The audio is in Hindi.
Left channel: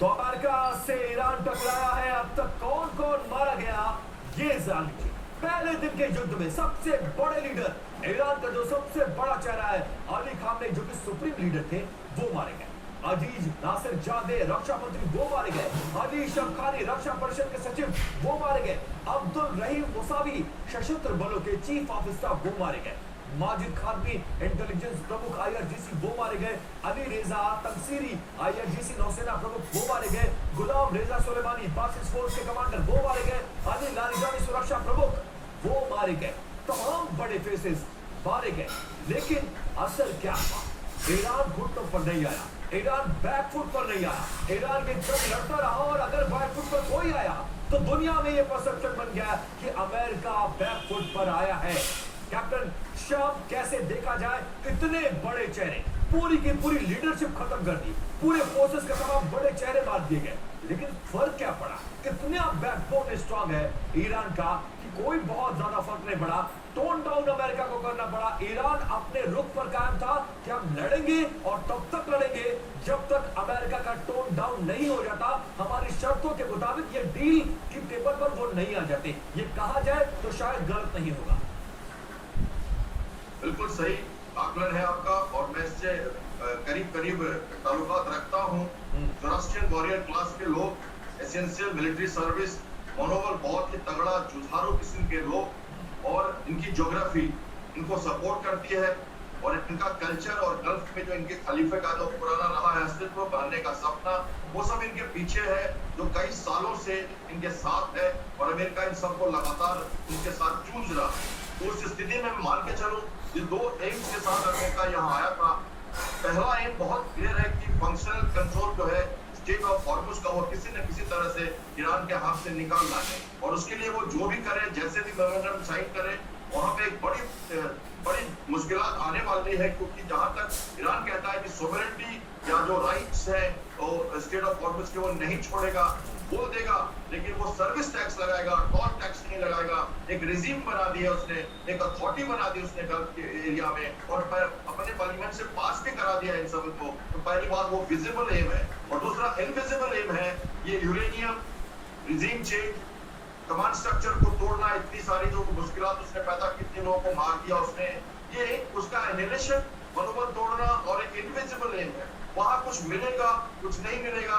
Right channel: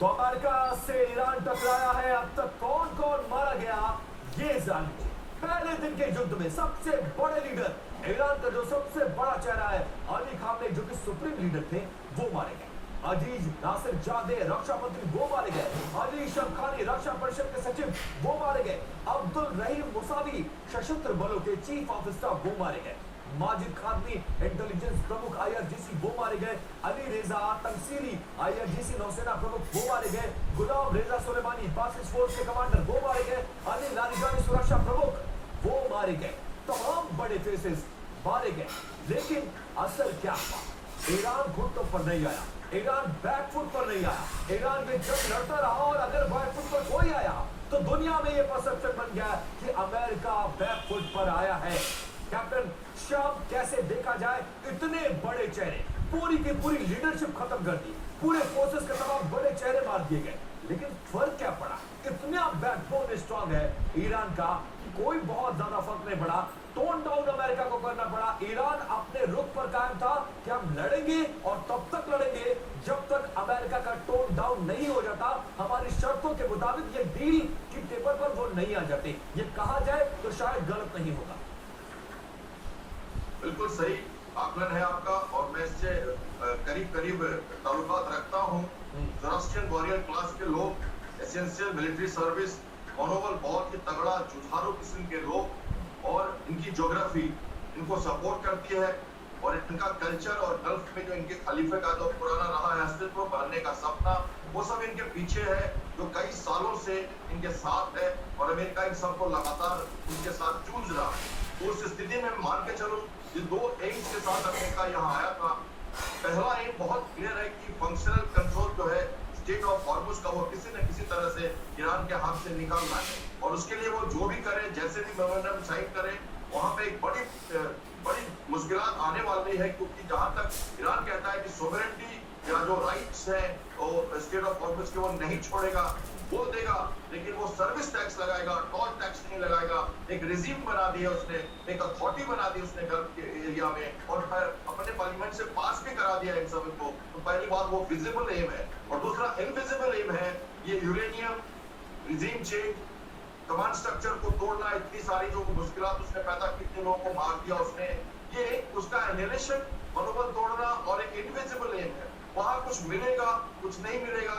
तो अमेरिका से ईरान टकराया है। अब तक कौन कौन मारा गया ये जानिए। पहले दिन के युद्ध में सबसे बड़े लीडर ईरान का जो सबसे बड़ा चेहरा है अली खामेनी, जो कि सुप्रीम लीडर थे, वो मारे गए। अजीज नासिर जादे रक्षा मंत्री वो मारे गए। अली शमखानी रक्षा परिषद के सचिव वो मारे गए। अब्दुल रहीम मुसावी सशस्त्र बलों के चीफ ऑफ स्टाफ वो मारे गए। माजिद खानवी इंटेलिजेंस प्रमुख आईआरजीसी वो मारे गए। अली रेजा तंसीरी आईआरजीसी नौसेना प्रमुख वो मारे गए। गुलाम रेजा सुलेमानी बासिस फोर्स के कमांडर वो मारे गए। अली लारिजानी सुरक्षा प्रमुख वो मारे गए। तमाम बड़े फेसेस मारे गए। लेकिन असर क्या हुआ? ईरान घुटनों पर नहीं आया, ईरान बैकफुट पर नहीं आया। ईरान भी जंग लड़ता रहा और अगर बैकफुट पर कोई आया तो दुनिया में यह परसेप्शन बन गया कि अमेरिका बैकफुट पर आया है। कैप्टन शाम कैसे देखा जाए, इतने बड़े चेहरे, पूरी की पूरी लीडरशिप खत्म कर दी, पूरे फोर्सेस के तमाम बड़े चेहरे मार दिए गए। लेकिन फर्क क्या पड़ा? इतना बैकबोन स्ट्रांग है ईरान का कि कोई बहुत ज्यादा फर्क नहीं पड़ा। टोन डाउन अमेरिका को करना पड़ा। ईरान अपने रुख पर कायम था कि हम लड़ेंगे और तब तक लड़ेंगे जब तक अमेरिका का टोन डाउन नहीं हो जाता। हमारी शर्तों के मुताबिक ये डील की टेबल पर वो नहीं आ जाते। ये कहा जाए तो शायद गलत नहीं होगा। बिल्कुल सही आकलन है आपका और मैं इससे करीब करीब ताल्लुकात रखता हूँ। जोरास्ट्रियन वॉरियर क्लास के लोग, एसेंशियल मिलिट्री सर्विस, मनोबल बहुत ही तगड़ा जुझारू किस्म के लोग और इनकी ज्योग्राफी इनको सपोर्ट करती है और इनका कल्चर और गल्फ में जो इनके खलीफे का जो पुराना रहा है अस्तित्व बनने का सपना, वो सब इनके पीछे है, जो कई सालों से इनके साथ है और अमेरिका इन सबको लगातार इनके साथ जूझ रहा है। तो उस स्थिति में मान के चलो ये दो एम्स के साथ अमेरिका यहाँ आया था। पहला एम बहुत क्लियर है कि फंक्शनल कंट्रोल जो है स्टेट ऑफ हॉर्मुज का, वो किसी न किसी तरह से ईरान के हाथ से निकालना है और उसके लिए वो जो भी करे, जैसे भी मेमोरेंडम साइन करे, वहां पे एक बड़ी मुश्किलात आने वाली है। क्योंकि जहां तक ईरान कहता है कि सोवरेनिटी या जो राइट्स है वो स्टेट ऑफ हॉर्मुज के वो नहीं छोड़ेगा, वो देगा, लेकिन वो सर्विस टैक्स लगाएगा, टोल टैक्स नहीं लगाएगा। एक रिजीम बना दिया उसने, एक अथॉरिटी बना दी उसने गल्फ के एरिया में और अपने पार्लियामेंट से पास भी करा दिया इन सब को। तो पहली बात वो विजिबल एम है और दूसरा इनविजिबल एम है ये uranium, regime change, command structure को तोड़ना, इतनी सारी जो मुश्किलात उसने पैदा की, इतने लोगों को मार दिया उसने, ये उसका एनिहिलेशन, मनोबल तोड़ना और एक इनविजिबल एम है। वहां कुछ मिलेगा, कुछ नहीं मिलेगा,